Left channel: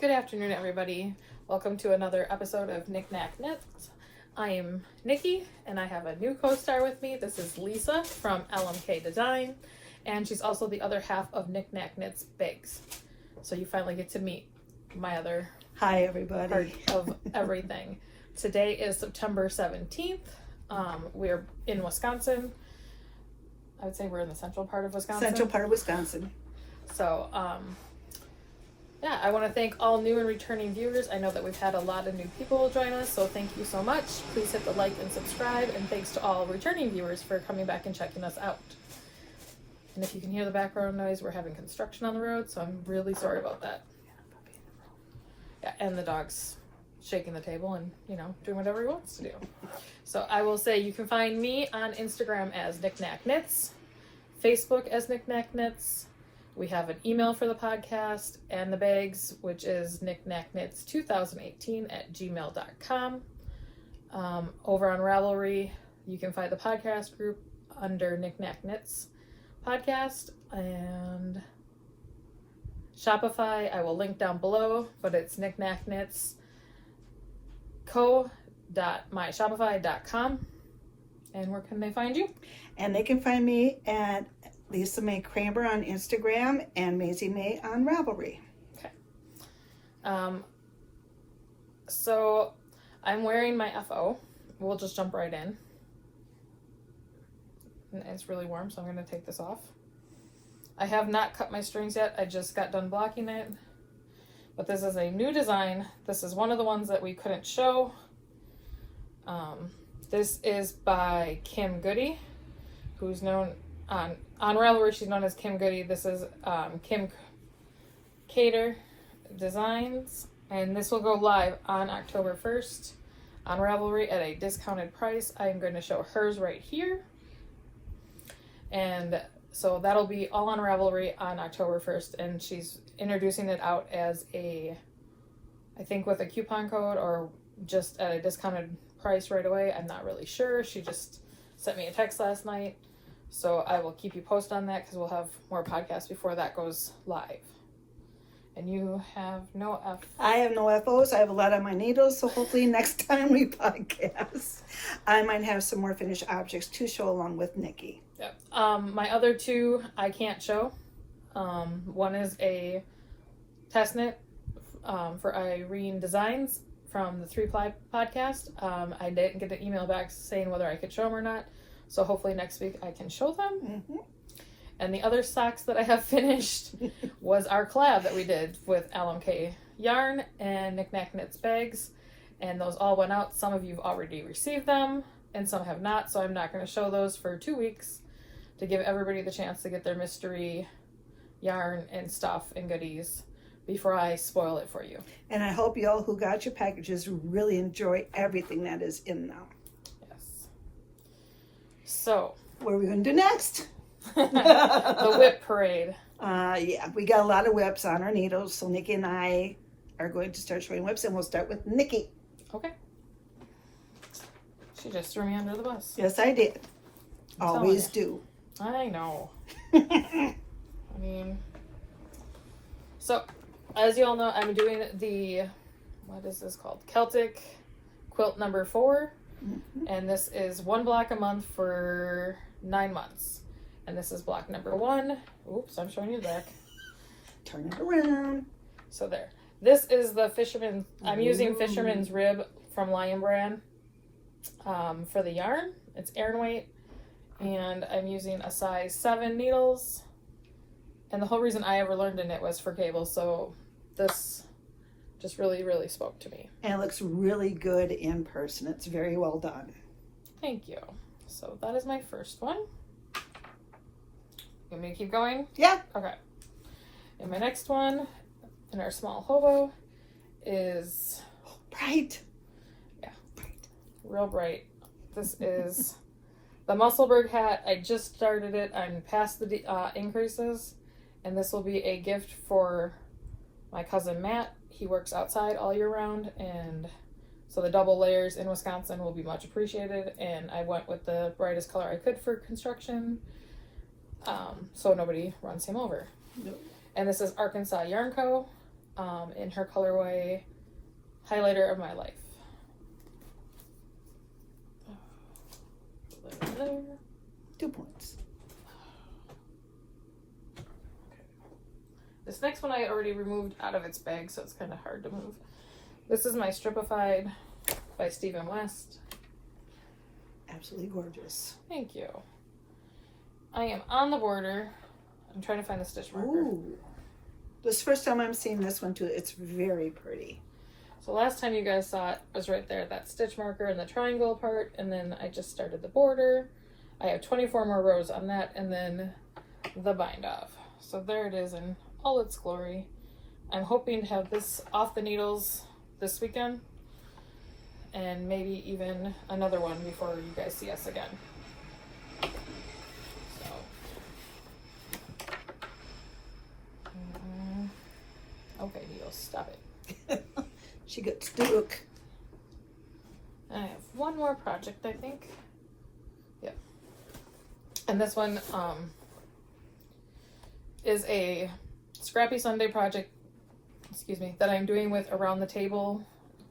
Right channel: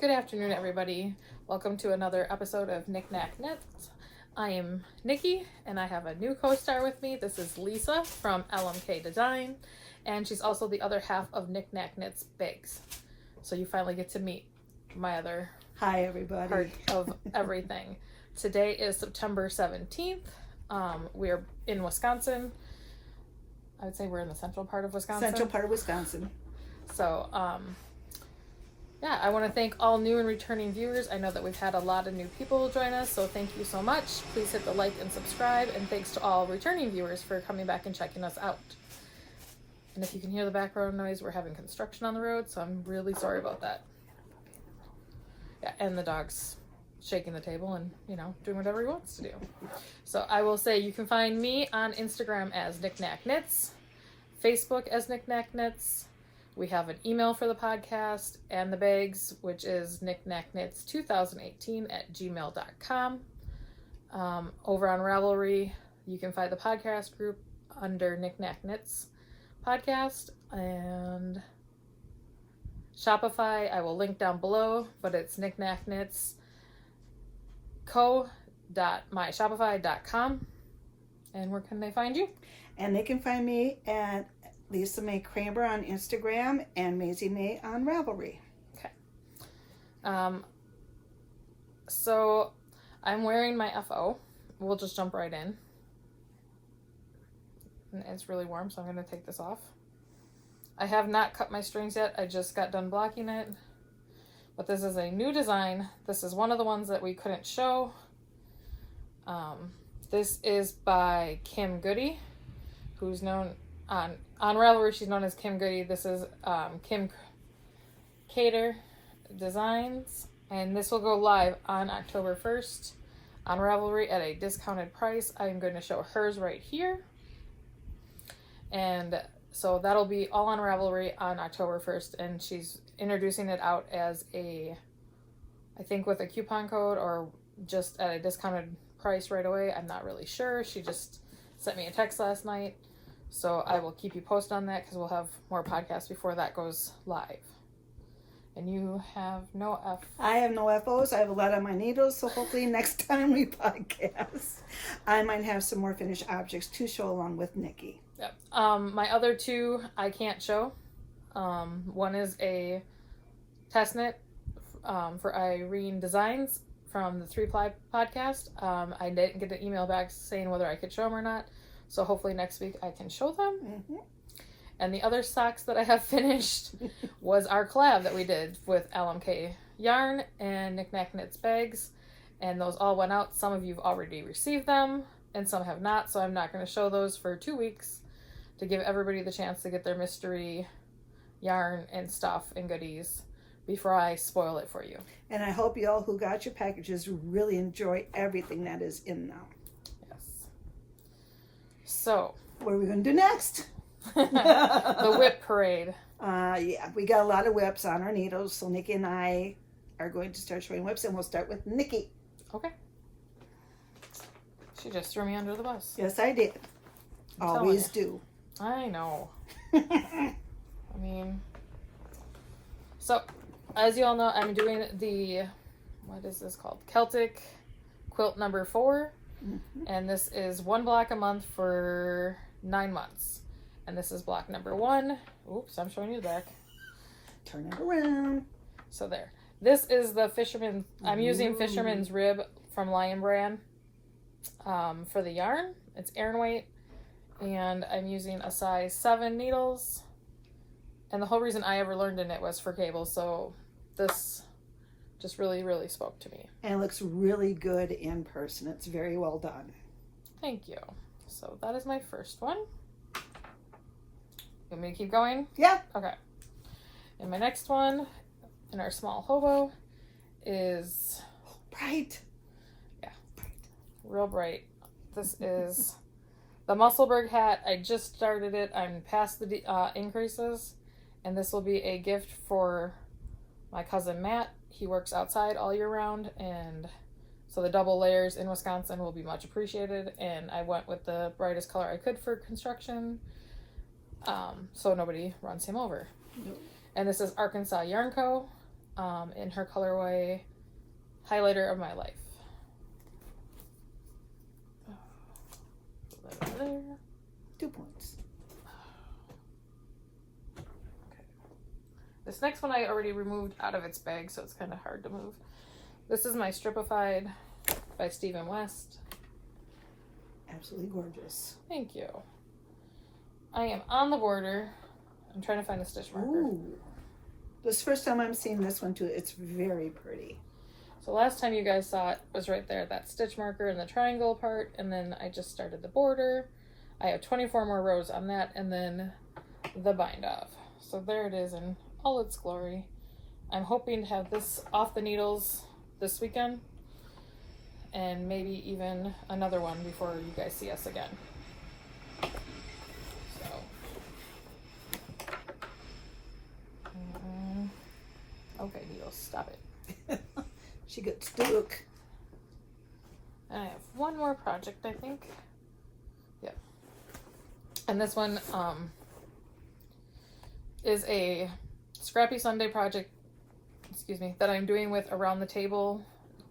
Good afternoon, everybody. Welcome to another episode of NicNacKnits. I am Nicci, and I have a new co-star with me. This is Lisa from LMK Design, and she's also the other half of NicNacKnits Bags. So you finally get to meet my other Hi, everybody. part of everything. Today is September 17th. We're in Wisconsin. I would say we're in the central part of Wisconsin. Central part of Wisconsin. So, yeah, I want to thank all new and returning viewers. I know that we've had a lot of new people join us, so thank you so much. Please hit the like and subscribe, and thanks to all returning viewers for coming back and checking us out. And if you can hear the background noise, we're having construction on the road, so I'm really sorry about that. Yeah, and the dog's shaking the table and, doing whatever he wants to do. So I will say you can find me on Instagram as NicNacKnits, Facebook as NicNacKnits. We have an email for the podcast and the bags, which is NicNacKnits2018@gmail.com. Over on Ravelry, you can find the podcast group under NicNacKnits podcast, and Shopify I will link down below, but it's NicNacKnitsCo.myshopify.com. And where can they find you? And they can find me at Maisymae Kramer on Instagram and Maisymae on Ravelry. Okay. So I'm wearing my FO. We'll just jump right in. And it's really warm, so I'm going to take this off. I have not cut my strings yet. I just got done blocking it. But this is a new design. This is one of the ones that we couldn't show. This is by Kim Goody, who's known on Ravelry. She's known as Kim Goody. This is Kim Cater Designs, and this will go live on October 1st on Ravelry at a discounted price. I'm going to show hers right here, and so that'll be all on Ravelry on October 1st, and she's introducing it out as I think with a coupon code or just at a discounted price right away. I'm not really sure. She just sent me a text last night. So I will keep you posted on that because we'll have more podcasts before that goes live. And you have no I have no FOs. I have a lot on my needles, so hopefully next time we podcast, I might have some more finished objects to show along with Nicci. Yep. My other two I can't show. One is a test knit for Irene Designs from the 3-Ply podcast. I didn't get an email back saying whether I could show them or not. So hopefully next week I can show them. Mm-hmm. And the other socks that I have finished was our collab that we did with LMK Yarn and NicNacKnits Bags. And those all went out. Some of you have already received them and some have not. So I'm not going to show those for 2 weeks to give everybody the chance to get their mystery yarn and stuff and goodies before I spoil it for you. And I hope you all who got your packages really enjoy everything that is in them. So, what are we going to do next? The whip parade. Yeah, we got a lot of whips on our needles, so Nicci and I are going to start showing whips, and we'll start with Nicci. Okay. She just threw me under the bus. Yes, I did. Always do. I know. I mean, so, as you all know, I'm doing what is this called? Celtic quilt number 4. Mm-hmm. And this is 1 block a month for 9 months. And this is block number 1. Oops, I'm showing you the back. Turn it around. So there. This is the Fisherman. I'm using Fisherman's Rib from Lion Brand for the yarn. It's air weight. And I'm using a size 7 needles. And the whole reason I ever learned in it was for cables. So this just really, really spoke to me. And it looks really good in person. It's very well done. Thank you. So that is my first one. Want me to keep going? Yeah. Okay. And my next one in our small hobo is bright. Yeah, bright. Real bright. This is the Musselburgh hat. I just started it. I'm past the increases. And this will be a gift for my cousin Matt. He works outside all year round, and so the double layers in Wisconsin will be much appreciated. And I went with the brightest color I could for construction, so nobody runs him over. Nope. And this is Arkansas Yarn Co. in her colorway Highlighter of My Life. There. 2 points. This next one I already removed out of its bag, so it's kind of hard to move. This is my Stripified by Stephen West. Absolutely gorgeous. Thank you. I am on the border. I'm trying to find a stitch marker. Ooh. This is the first time I'm seeing this one too. It's very pretty. So last time you guys saw it was right there, that stitch marker and the triangle part, and then I just started the border. I have 24 more rows on that, and then the bind off. So there it is in all its glory. I'm hoping to have this off the needles this weekend, and maybe even another one before you guys see us again. So, okay, needles, stop it. She got stuck. I have one more project, I think. Yep. And this one is a Scrappy Sunday project, that I'm doing with Around the Table.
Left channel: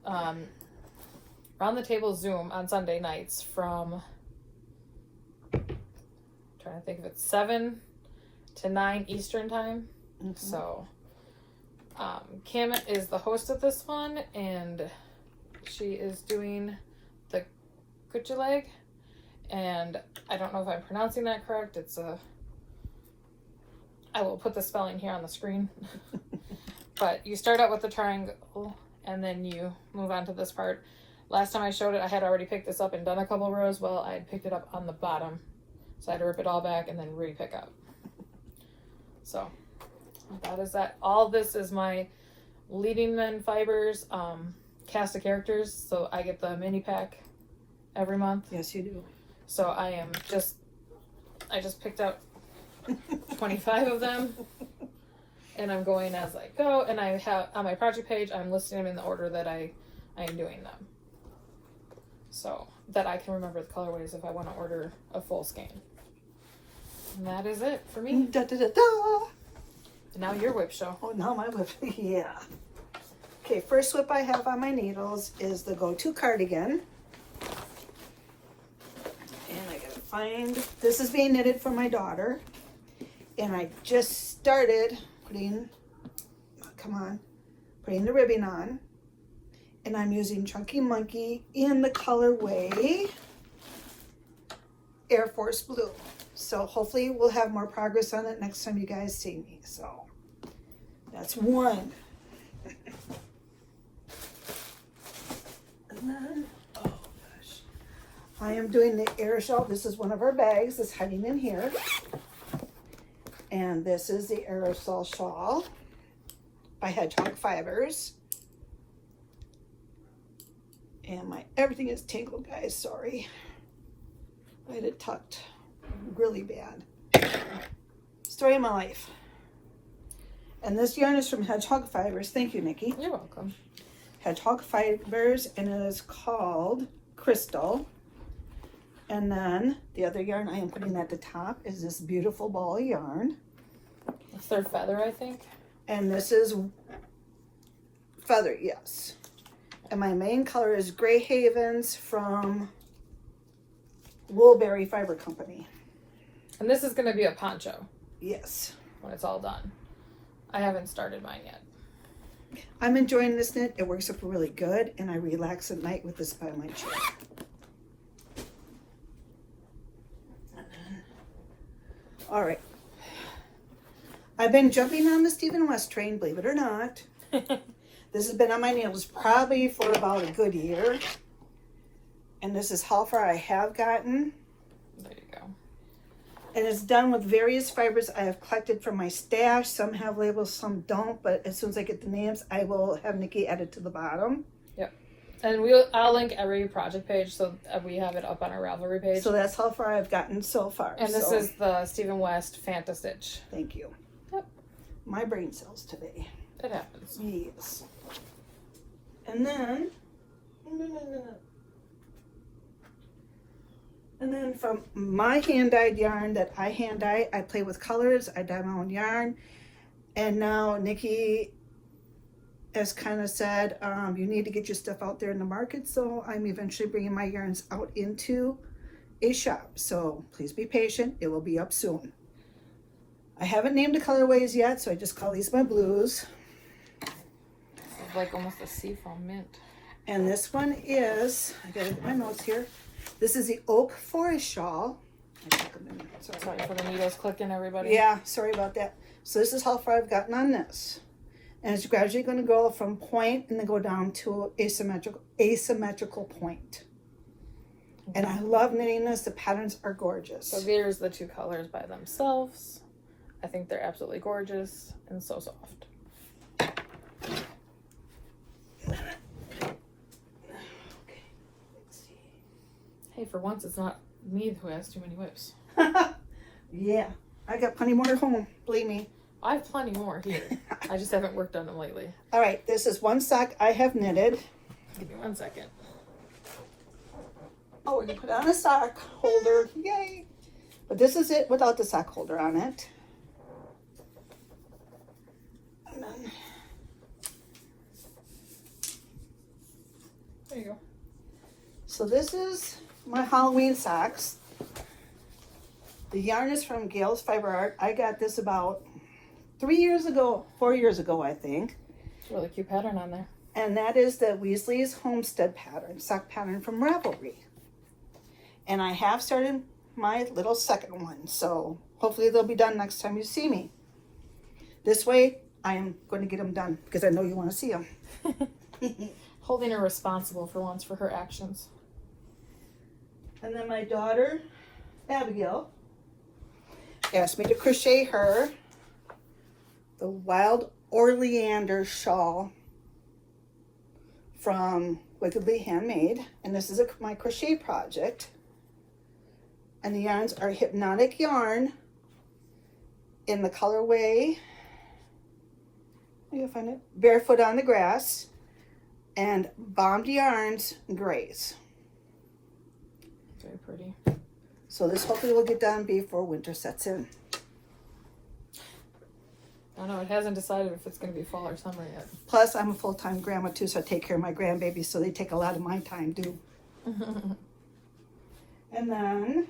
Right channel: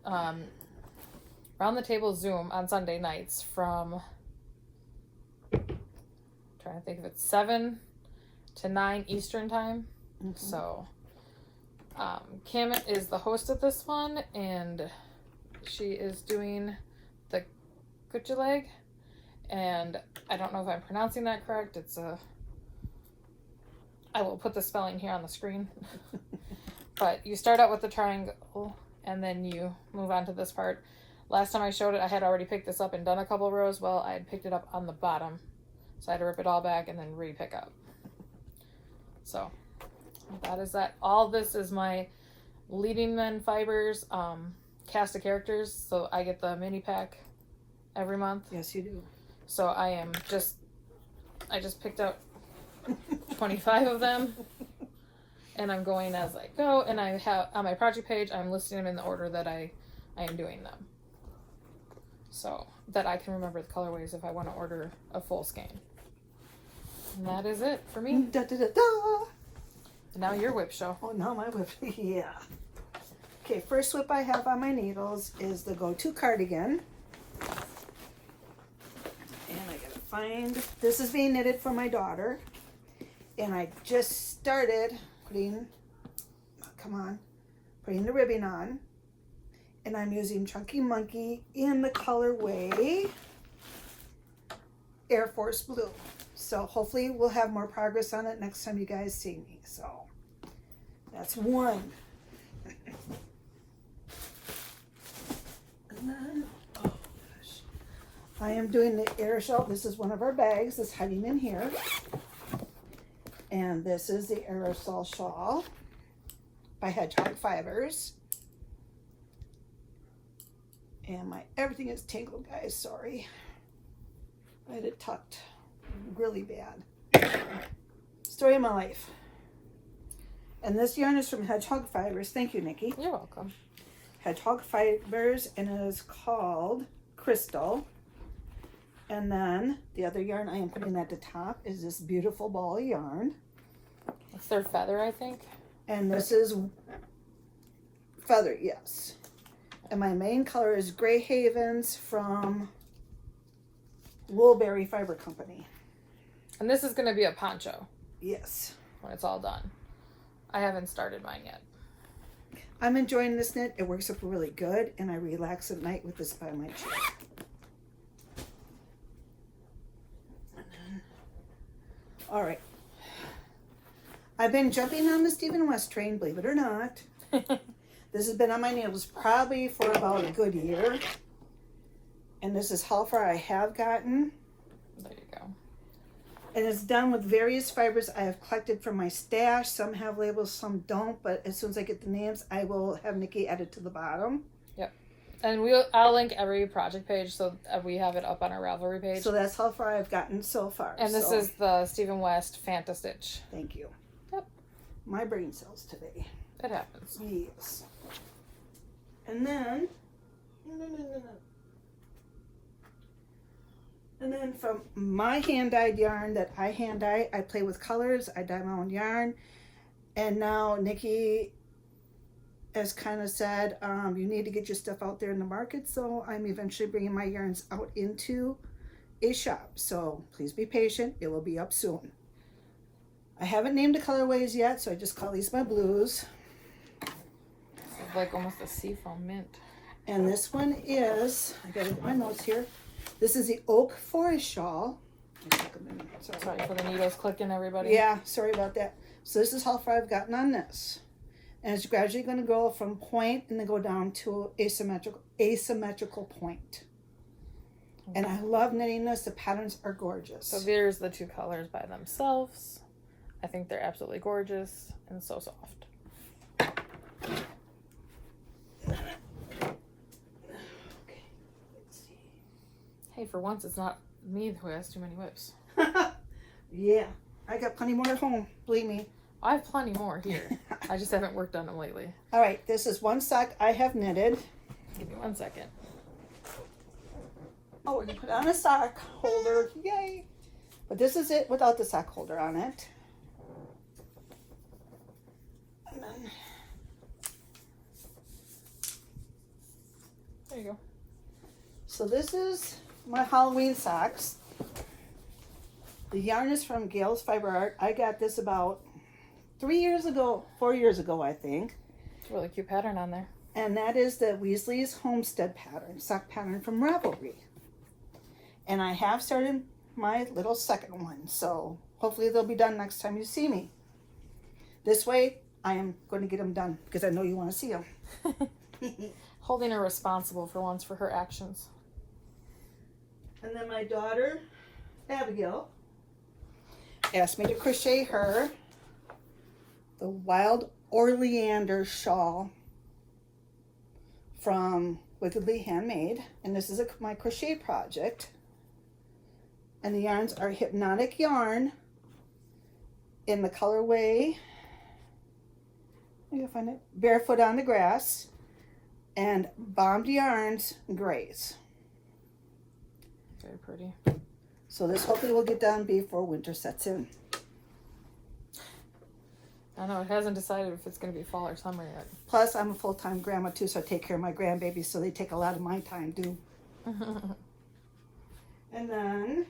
Around the Table Zoom on Sunday nights from, I'm trying to think if it's 7 to 9 Eastern time. Mm-hmm. So, Camet is the host of this one, and she is doing the Kutcha leg, and I don't know if I'm pronouncing that correct. I will put the spelling here on the screen. But you start out with the triangle, and then you move on to this part. Last time I showed it, I had already picked this up and done a couple rows. Well, I had picked it up on the bottom, so I had to rip it all back and then re-pick up. So, that is that. All this is my Leading Men Fibers cast of characters, so I get the mini pack every month. Yes, you do. So I just picked out 25 of them, and I'm going as I go, and I have, on my project page, I'm listing them in the order that I am doing them, so that I can remember the colorways if I want to order a full skein. And that is it for me. Da, da, da, da. And now your whip show. Oh, now my whip. Yeah. Okay, first whip I have on my needles is the Go-To Cardigan. And I gotta find, this is being knitted for my daughter. And I just started putting the ribbing on. And I'm using Chunky Monkey in the colorway Air Force Blue. So hopefully we'll have more progress on it next time you guys see me. So that's one. And then, oh gosh, I am doing the Air Shawl. This is one of our bags that's hiding in here. And this is the Aerosol Shawl by Hedgehog Fibers. And everything is tangled, guys, sorry. I had it tucked really bad. Story of my life. And this yarn is from Hedgehog Fibers. Thank you, Nicci. You're welcome. Hedgehog Fibers, and it is called Crystal. And then the other yarn I am putting at the top is this beautiful ball of yarn. It's their feather, I think. And this is feather, yes. And my main color is Grey Havens from Woolberry Fiber Company. And this is going to be a poncho. Yes. When it's all done. I haven't started mine yet. I'm enjoying this knit. It works up really good, and I relax at night with this by my chair. All right. I've been jumping on the Stephen West train, believe it or not. This has been on my needles probably for about a good year. And this is how far I have gotten. There you go. And it's done with various fibers I have collected from my stash. Some have labels, some don't. But as soon as I get the names, I will have Nicci add it to the bottom. Yep. And I'll link every project page so that we have it up on our Ravelry page. So that's how far I've gotten so far. And this is the Stephen West Fanta Stitch. Thank you. Yep. My brain cells today. It happens. Yes. And then... And then from my hand-dyed yarn that I hand-dye, I play with colors, I dye my own yarn. And now Nicci has kind of said, you need to get your stuff out there in the market. So I'm eventually bringing my yarns out into a shop. So please be patient. It will be up soon. I haven't named the colorways yet, so I just call these my blues. It's like almost a seafoam mint. And this one is, I gotta get my notes here. This is the Oak Forest Shawl. Sorry for the needles clicking, everybody. Yeah, sorry about that. So this is how far I've gotten on this. And it's gradually going to go from point and then go down to asymmetrical point. And I love knitting this. The patterns are gorgeous. So here's the two colors by themselves. I think they're absolutely gorgeous and so soft. Okay, let's see. Hey, for once it's not me who has too many whips. Yeah, I got plenty more at home, believe me. I have plenty more here. I just haven't worked on them lately. All right, this is one sock I have knitted. Give me 1 second. Oh, we can put on a sock holder, yay! But this is it without the sock holder on it. And then, There you go. so this is my Halloween socks. The yarn is from Gail's Fiber Art. I got this about 4 years ago, I think. It's a really cute pattern on there. And that is the Weasley's Homestead pattern, sock pattern from Ravelry. And I have started my little second one, so hopefully they'll be done next time you see me. This way, I am going to get them done because I know you want to see them. Holding her responsible for once for her actions. And then my daughter, Abigail, asked me to crochet her the Wild Oleander shawl from Wickedly Handmade. And this is my crochet project. And the yarns are Hypnotic Yarn in the colorway, you can find it, Barefoot on the Grass, and Bombed Yarns Grays. Very pretty. So this hopefully will get done before winter sets in. I don't know, it hasn't decided if it's going to be fall or summer yet. Plus, I'm a full-time grandma too, so I take care of my grandbabies, so they take a lot of my time too. And then,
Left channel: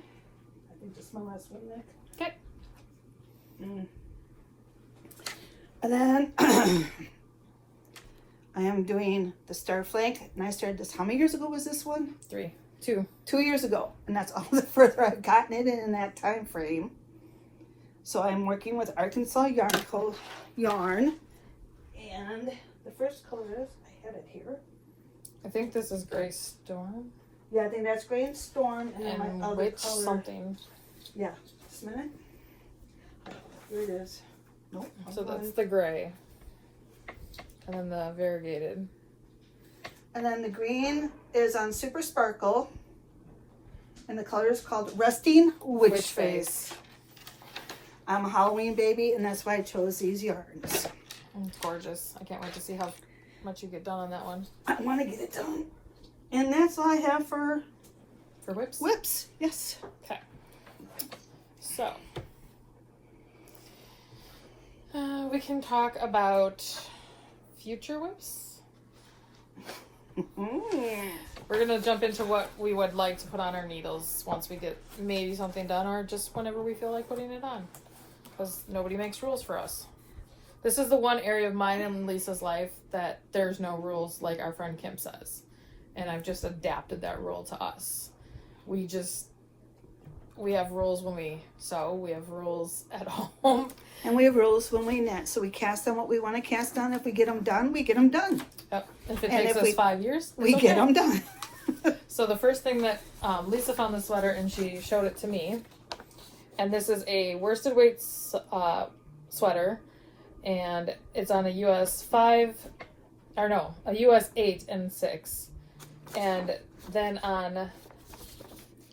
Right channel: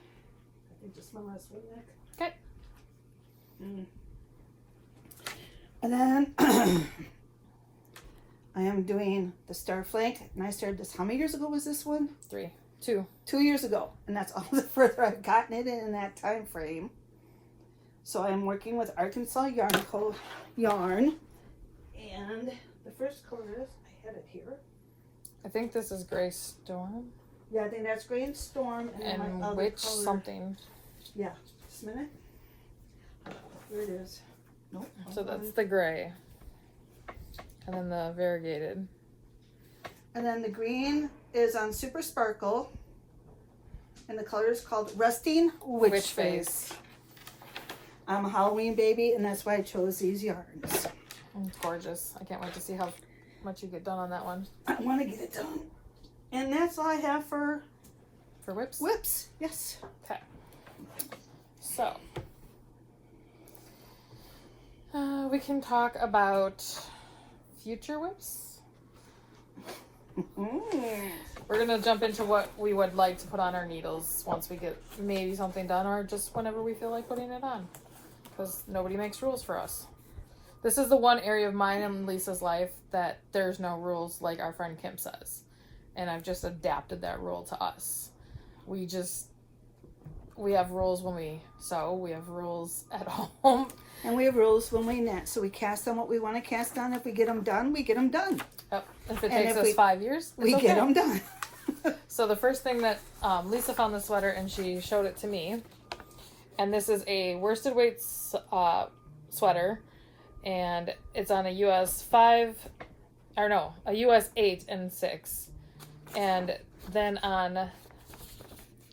I think this is my last one, Nick. Okay. And then, I am doing the Star Flank, and I started this, how many years ago was this one? 2. 2 years ago, and that's all the further I've gotten it in that time frame. So I'm working with Arkansas Yarn Co. yarn, and the first color is, I had it here. I think this is Gray Storm. Yeah, I think that's Green Storm, and then my other Witch color. something. Yeah, just a minute. Here it is. Nope. So that's the gray. And then the variegated. And then the green is on Super Sparkle, and the color is called Resting Witch Face. I'm a Halloween baby, and that's why I chose these yarns. It's gorgeous. I can't wait to see how much you get done on that one. I want to get it done. And that's all I have for whips? whips. Yes. Okay. So, we can talk about future whips. We're going to jump into what we would like to put on our needles once we get maybe something done, or just whenever we feel like putting it on. Because nobody makes rules for us. This is the one area of mine and Lisa's life that there's no rules, like our friend Kim says. And I've just adapted that rule to us. We have rules when we sew. We have rules at home. And we have rules when we knit. So we cast on what we want to cast on. If we get them done, we get them done. Yep. If it takes us 5 years, we get them done. So the first thing that Lisa found the sweater and she showed it to me. And this is a worsted weight sweater. And it's on a US 8 and 6. And then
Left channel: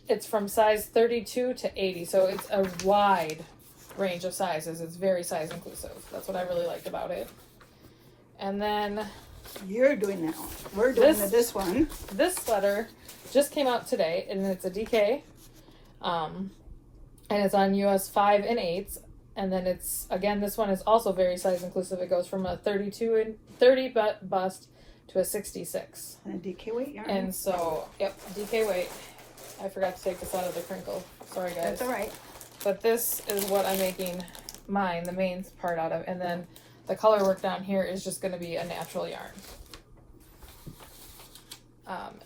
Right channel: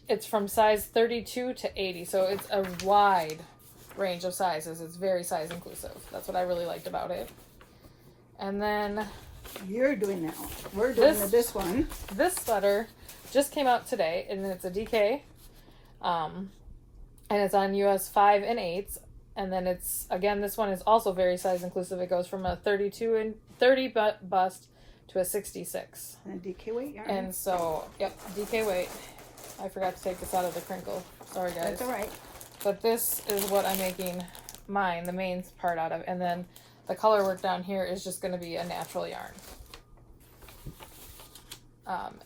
it's from size 32 to 80. So it's a wide range of sizes. It's very size inclusive. That's what I really liked about it. And then you're doing now. We're doing this one. This sweater just came out today, and it's a DK. And it's on US 5 and 8s. And then it's, again, this one is also very size inclusive. It goes from a 30 bust to a 66. And a DK weight yarn. And so, yep, DK weight. I forgot to take this out of the crinkle. Sorry, guys. That's all right. But this is what I'm making mine, the main part out of. And then the color work down here is just going to be a natural yarn.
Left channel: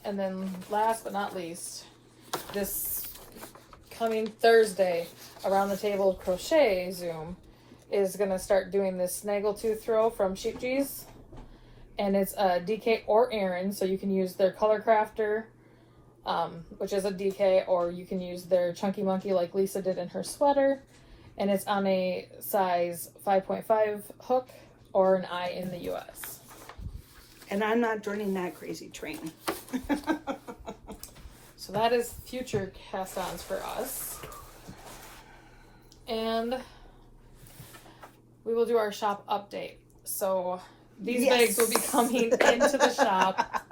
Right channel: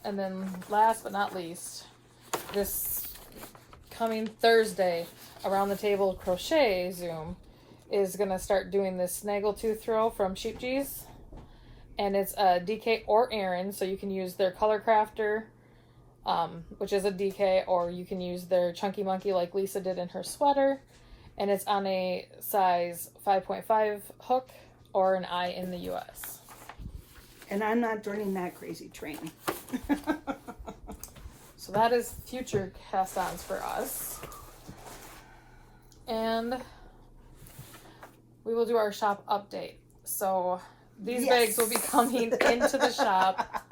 And then last but not least, this coming Thursday, Around the Table Crochet Zoom is going to start doing this snaggletooth throw from Sheep G's. And it's a DK or Aran, so you can use their Color Crafter, which is a DK, or you can use their Chunky Monkey like Lisa did in her sweater. And it's on a size 5.5 hook or an I in the US. And I'm not joining that crazy train. So that is future cast-ons for us. And we will do our shop update. So these bags will be coming into the shop.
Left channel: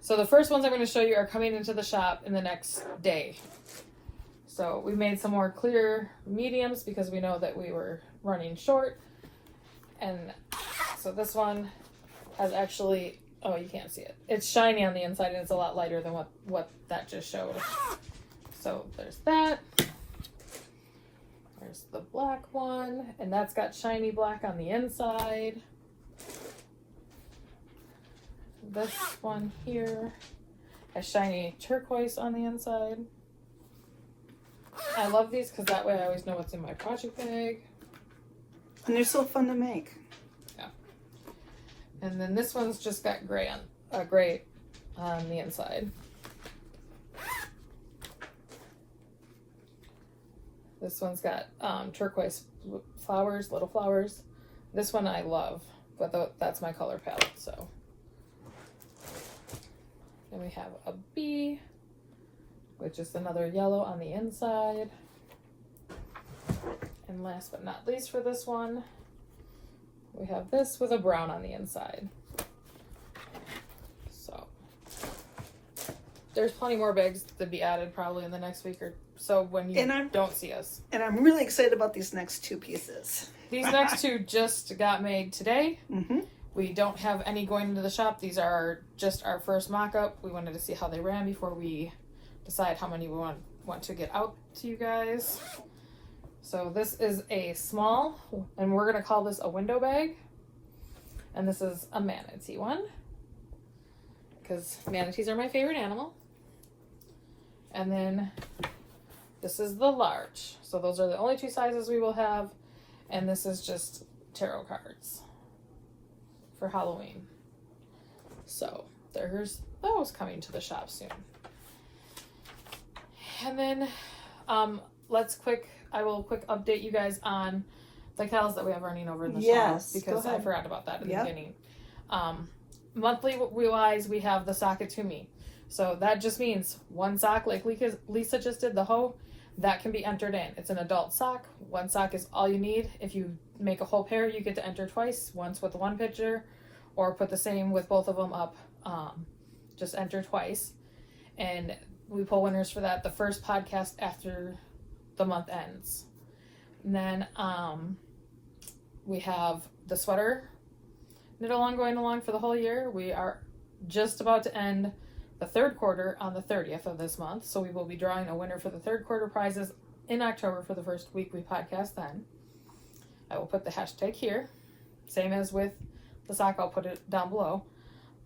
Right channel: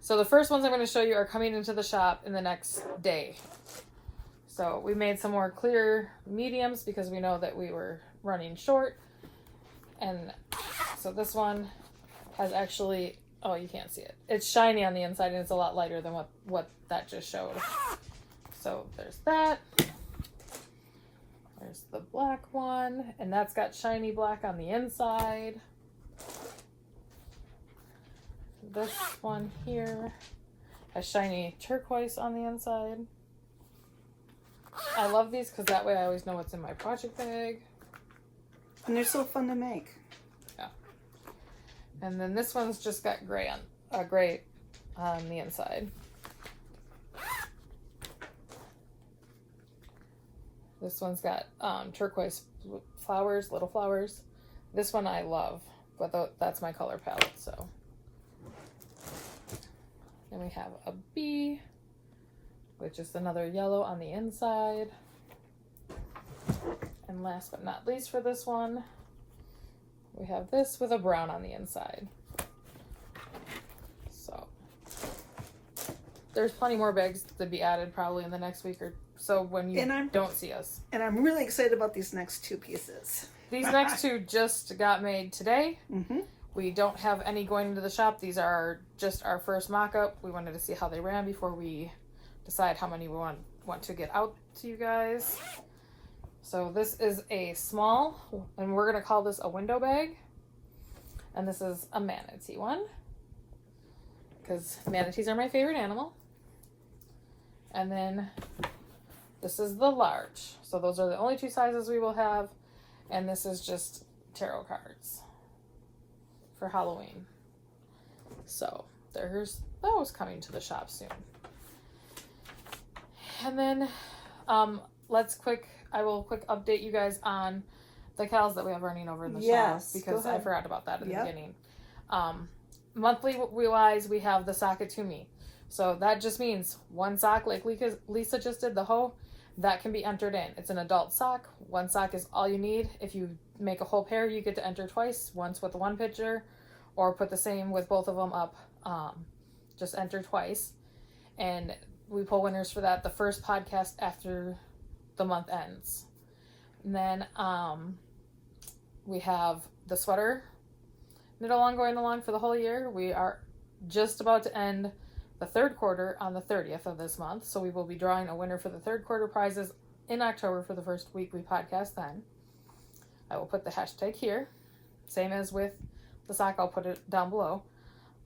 So the first ones I'm going to show you are coming into the shop in the next day. So we made some more clear mediums because we know that we were running short. And so this one has actually, oh, you can't see it. It's shiny on the inside and it's a lot lighter than what that just showed. So there's that. There's the black one, and that's got shiny black on the inside. This one here has shiny turquoise on the inside. I love these because that way I always know what's in my project bag. And they're so fun to make. Yeah. And then this one's just got gray on the inside. This one's got turquoise flowers, little flowers. This one I love, but that's my color palette, so. Then we have a bee, which is another yellow on the inside. And last but not least for this one, we have this with a brown on the inside. So there's plenty more bags to be added probably in the next week or so when you don't see us. And I'm really excited about these next two pieces. These next two just got made today. Mm-hmm. We don't have any going into the shop. These are just our first mock-up. We wanted to see how they ran before we decide how many we want to get out to you guys. So this is a small, and we're going to call this a window bag. And this is a manatee one, because manatees are my favorite animal. And then this is the large. So those are the only two sizes we will have. And this is just tarot cards for Halloween. So there's those coming to the shop soon. And then I will quick update you guys on the cows that we have running over in the shop, because I forgot about that at the beginning. Monthly wise, we have the Sakatumi. So that just means one sock, like Lisa just did, the hoe, that can be entered in. It's an adult sock. One sock is all you need. If you make a whole pair, you get to enter twice, once with the one picture, or put the same with both of them up. Just enter twice. And we pull winners for that the first podcast after the month ends. And then we have the sweater knit along going along for the whole year. We are just about to end the third quarter on the 30th of this month, so we will be drawing a winner for the third quarter prizes in October for the first weekly podcast then. I will put the hashtag here, same as with the sock. I'll put it down below,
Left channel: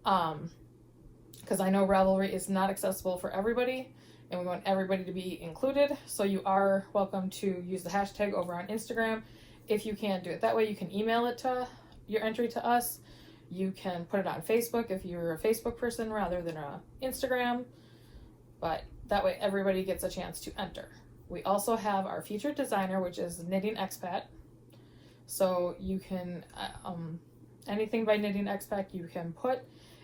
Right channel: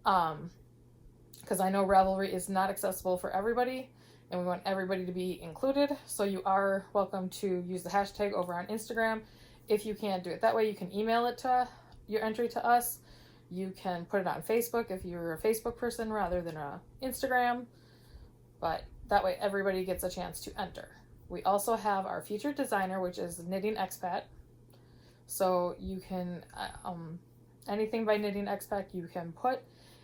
because I know Ravelry is not accessible for everybody and we want everybody to be included, so you are welcome to use the hashtag over on Instagram if you can't do it that way. You can email it to your entry to us. You can put it on Facebook if you're a Facebook person rather than a Instagram, but that way everybody gets a chance to enter. We also have our featured designer, which is Knitting Expat. So you can, anything by Knitting Expat you can put.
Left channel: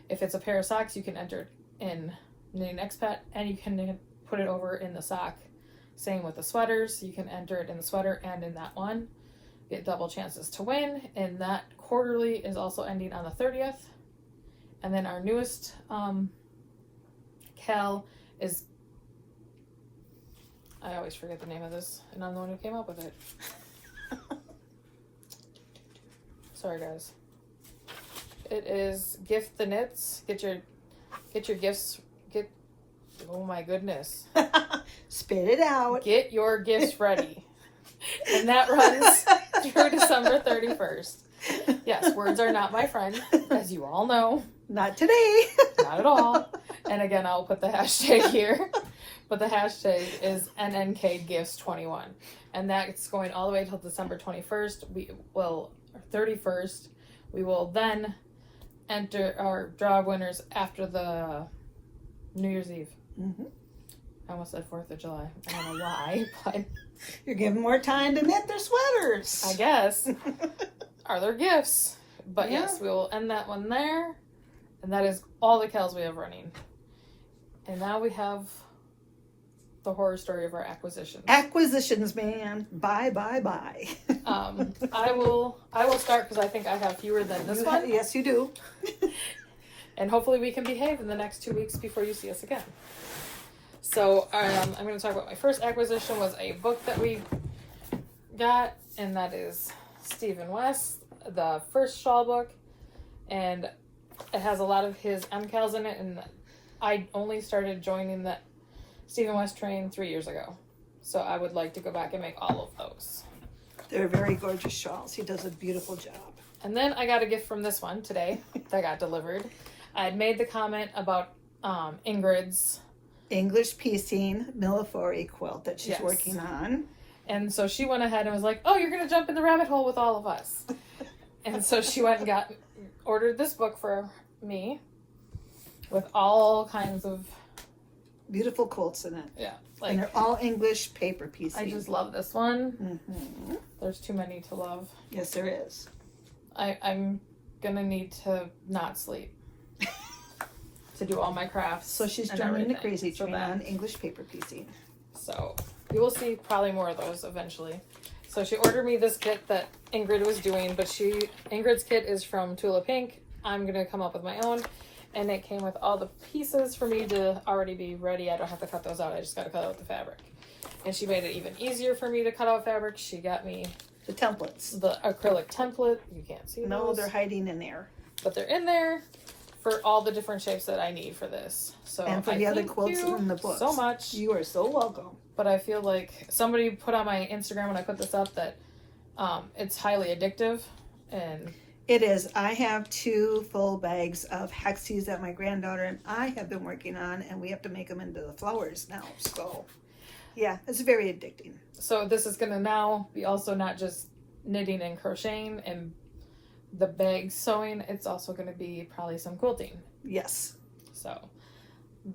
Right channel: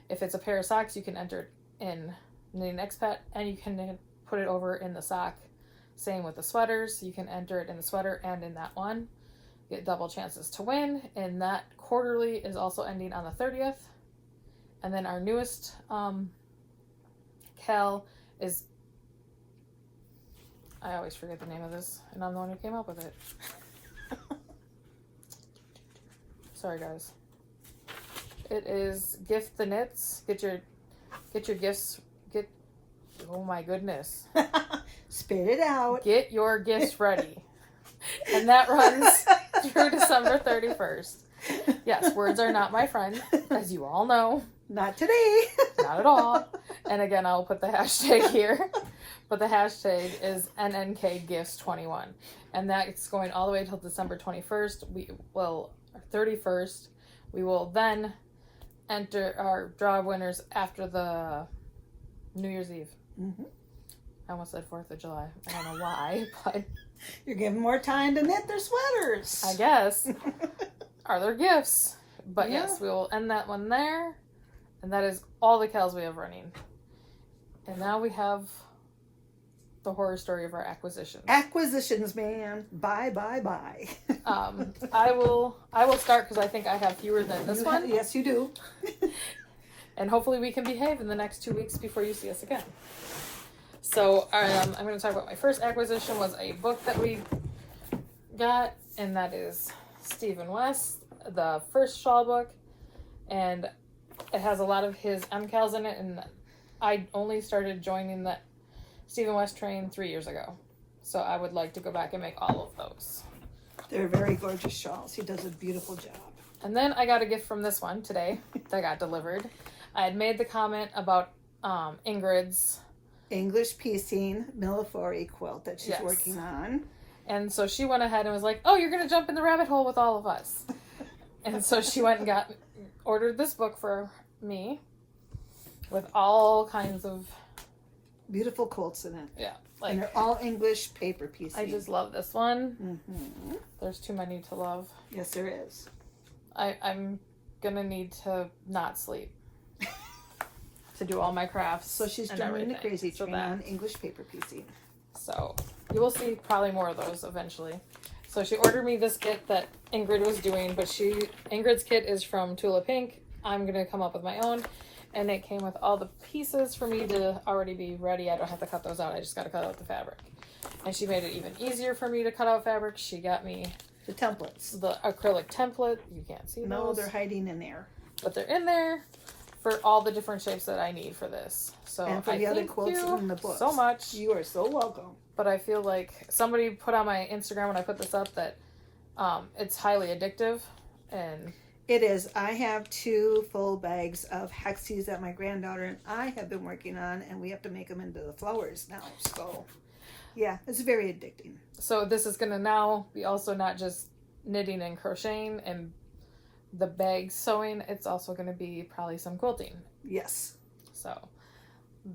If it's a pair of socks, you can enter it in Knitting Expat, and you can put it over in the sock. Same with the sweaters. You can enter it in the sweater and in that one. Get double chances to win, and that quarterly is also ending on the 30th. And then our newest Cal is, I always forget the name of this, and I'm the one who came up with it. Sorry, guys. It is Gift the Knits. Get your gifts. Oh my goodness. Spit it out. Get your gifts ready. And that runs through December 31st. Yes, words are not my friend, as you all know. Not today. Not at all. And again, I'll put the hashtag here. But the hashtag is NNKGifts21. And that's going all the way till December 21st. 31st. We will then enter our draw winners after the New Year's Eve. Mm-hmm. I almost said 4th of July. I don't know why, but You're giving more time to knit their sweaters. I guess. Are there gifts? But Yeah. yes, we will end that one there. And that is all the cows we have running. And now we have the horror story of our acquisitions. Acquisitions, man. Bye. I will start because I think I have fewer than this one. Yes, you do. And hopefully we can behave in the next 2 weeks before you see us again. So I'm going to talk about my first acquisition was a book that we got, and that is Stephen West, the Forest Shawl book, and it has a lot of his MCALs in it, and I only started joining the Stephen West train 3 years ago. So I would like to go back and make all of those. They're very gorgeous shawls. He does a beautiful job. And then I got a gift from this one today that got delivered. I had made the comment about Ingrid's English piecing Millefori quilt that she's Yes. working on. And so she went ahead and was like, oh, you're going to jump in the rabbit hole with all of us. And so she went and ordered this book for me with all kinds of, Beautiful quilts in it. yeah. And they're all English paper piecing. I just love this one. Mm-hmm. There's too many to love. Yes, there is. I'm going to need to not sleep to do all my crafts. So she's and joining the everything. crazy So train that- on English paper piecing. So you will see probably more of those eventually. So she ordered me this kit that Ingrid was doing, but Ingrid's kit is from Tula Pink. I'm going to come up with my own. And it came with all the pieces for me to already be ready. I don't have to cut those out. I just got to cut out the fabric. And she made it even easier for me to cut out fabric. She got me The templates. the acrylic template. You can't see No, those. they're hiding in there. But they're in there for all the different shapes that I need for this. So And for the other quilts in the books. so much. You are so welcome. But I feel like somebody put on my Instagram when I put this up that it's highly addictive. And It is. I have 2 full bags of hexies that my granddaughter and I have been working on, and we have to make them into the flowers now. So, yeah, it's very addicting. so this is going to now be also not just knitting and crocheting and the bag sewing. It's also going to be probably some quilting. Yes. So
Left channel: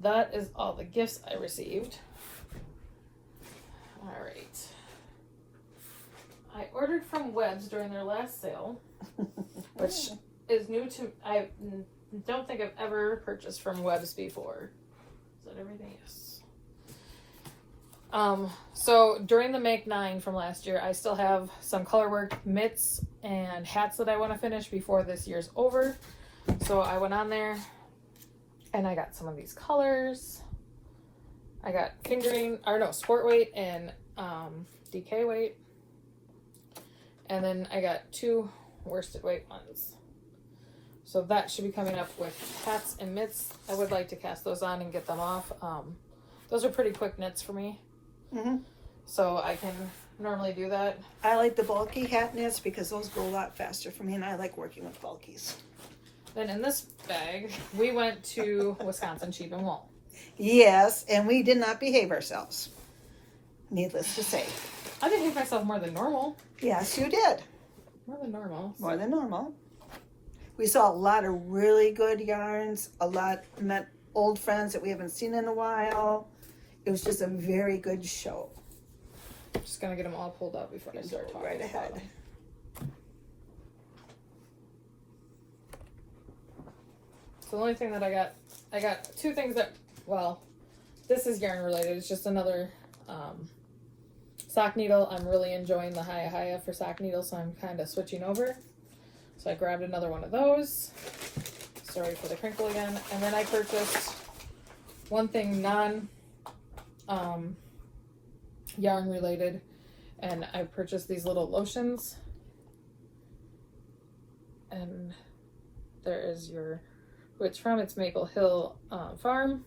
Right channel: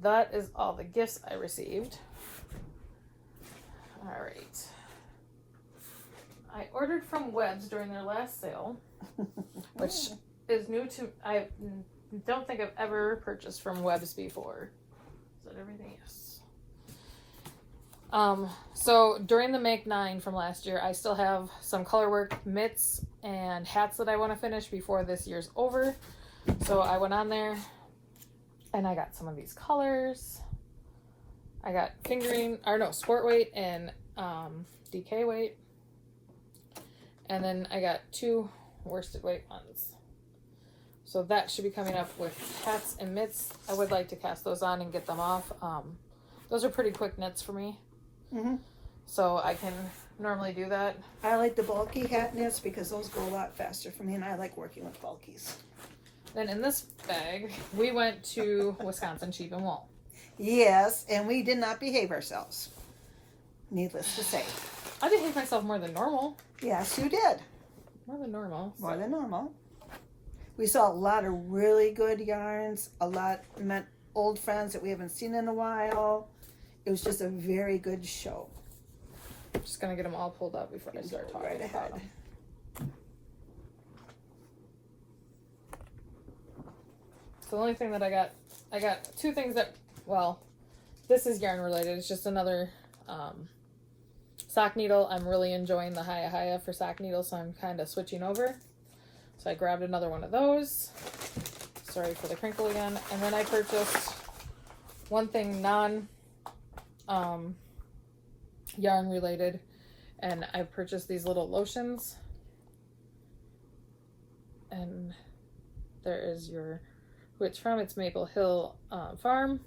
that is all the gifts I received. All right. I ordered from Webs during their last sale, which is new to. I don't think I've ever purchased from Webs before. Is that everything? Yes. So during the Make 9 from last year, I still have some color work mitts and hats that I want to finish before this year's over. So I went on there and I got some of these colors. I got sport weight and DK weight. And then I got 2 worsted weight ones. So that should be coming up with hats and mitts. I would like to cast those on and get them off. Those are pretty quick knits for me. Mm-hmm. So I can normally do that. I like the bulky hat knits because those go a lot faster for me, and I like working with bulkies. Then in this bag, we went to Wisconsin Sheep and Wool. Yes, and we did not behave ourselves. Needless to say. I behaved myself more than normal. Yes, you did. More than normal. More than normal. We saw a lot of really good yarns. Met old friends that we haven't seen in a while. It was just a very good show. I'm just going to get them all pulled up before I start talking Right about ahead. them. So the only thing that I got 2 things that, well, this is yarn related. It's just another sock needle. I'm really enjoying the Haya for sock needle, so I'm kind of switching over. So I grabbed another one of those. Sorry for the crinkle again. And then I purchased one thing yarn related, and I purchased these little lotions. and there is who it's from. It's Maple Hill Farm,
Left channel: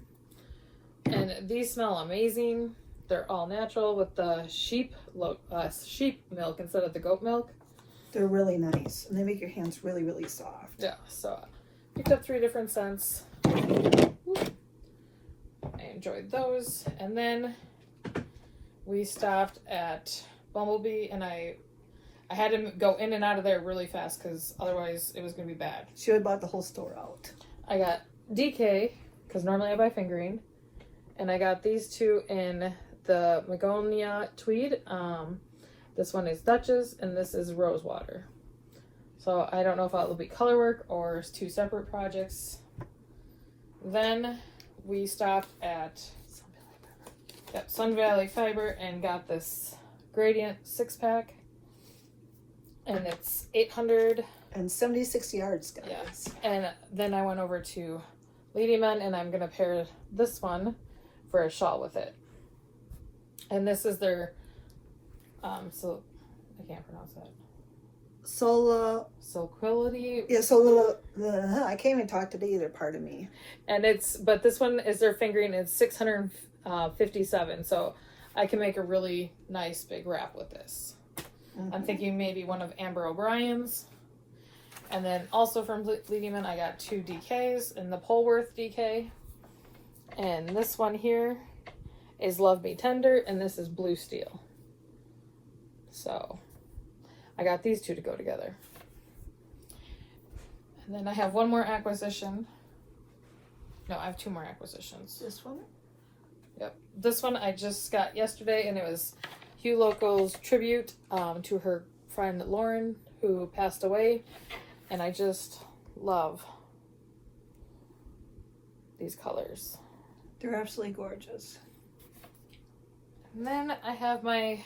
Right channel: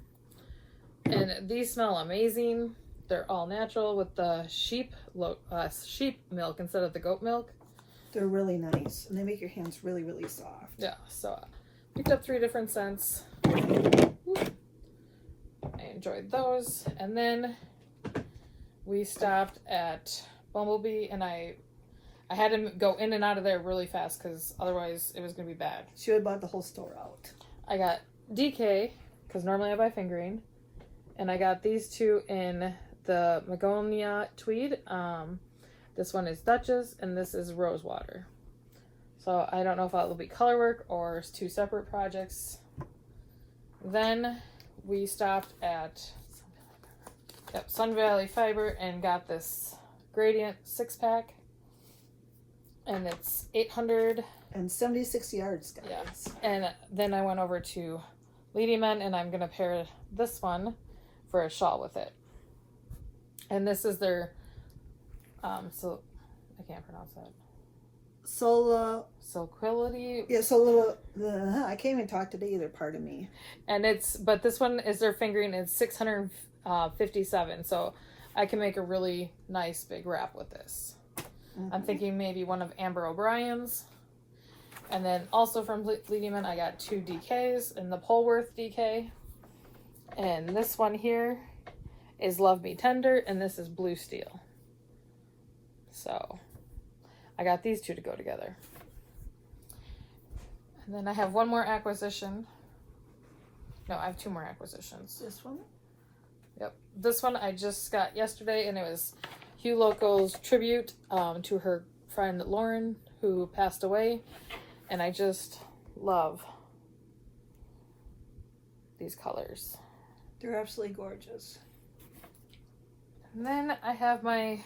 and these smell amazing. They're all natural with the sheep milk instead of the goat milk. They're really nice, and they make your hands really, really soft. Yeah, so I picked up 3 different scents. I enjoyed those, and then we stopped at Bumblebee, and I had to go in and out of there really fast because otherwise it was going to be bad. She would bought the whole store out. I got DK, because normally I buy fingering, and I got these 2 in the Magonia Tweed. This one is Duchess, and this is Rosewater. So I don't know if it'll be color work or 2 separate projects. Then we stopped at Sun Valley Fiber and got this Gradient 6-pack. And it's 876 yards, guys. Yeah. And then I went over to Lady Men, and I'm going to pair this one for a shawl with it. And this is their, so I can't pronounce that. Sulquility. Yeah, I can't even talk today either, pardon me. And but this one is their fingering. It's 657, so I can make a really nice big wrap with this. Mm-hmm. I'm thinking maybe one of Amber O'Brien's. And then also from Lehman, I got 2 DKs and the Polworth DK. And this one here is Love Me Tender, and this is Blue Steel. So I got these 2 to go together. And then I have one more acquisition. No, I have 2 more acquisitions. This one? Yep. This one I just got yesterday, and it was Hugh Loco's tribute to her friend Lauren, who passed away. And I just love these colors. They're absolutely gorgeous. And then I have my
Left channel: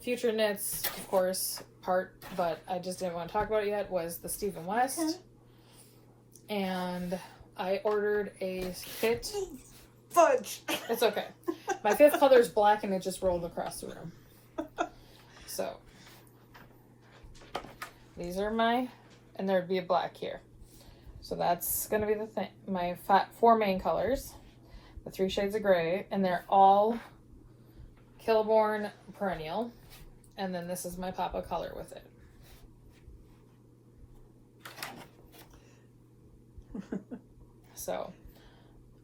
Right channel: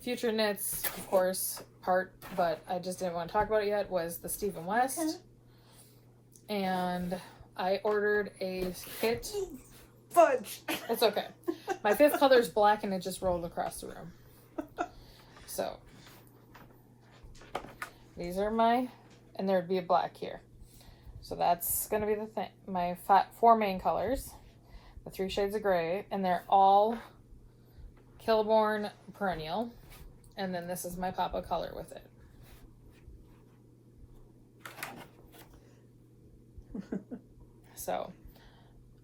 Future Knits, of course, part, but I just didn't want to talk about it yet, was the Stephen West. Okay. And I ordered a kit. Fudge! It's okay. My 5th color is black, and it just rolled across the room. So, these are and there'd be a black here. So that's going to be the thing. My 4 main colors, the 3 shades of gray, and they're all Kilborn Perennial. And then this is my Papa color with it. So,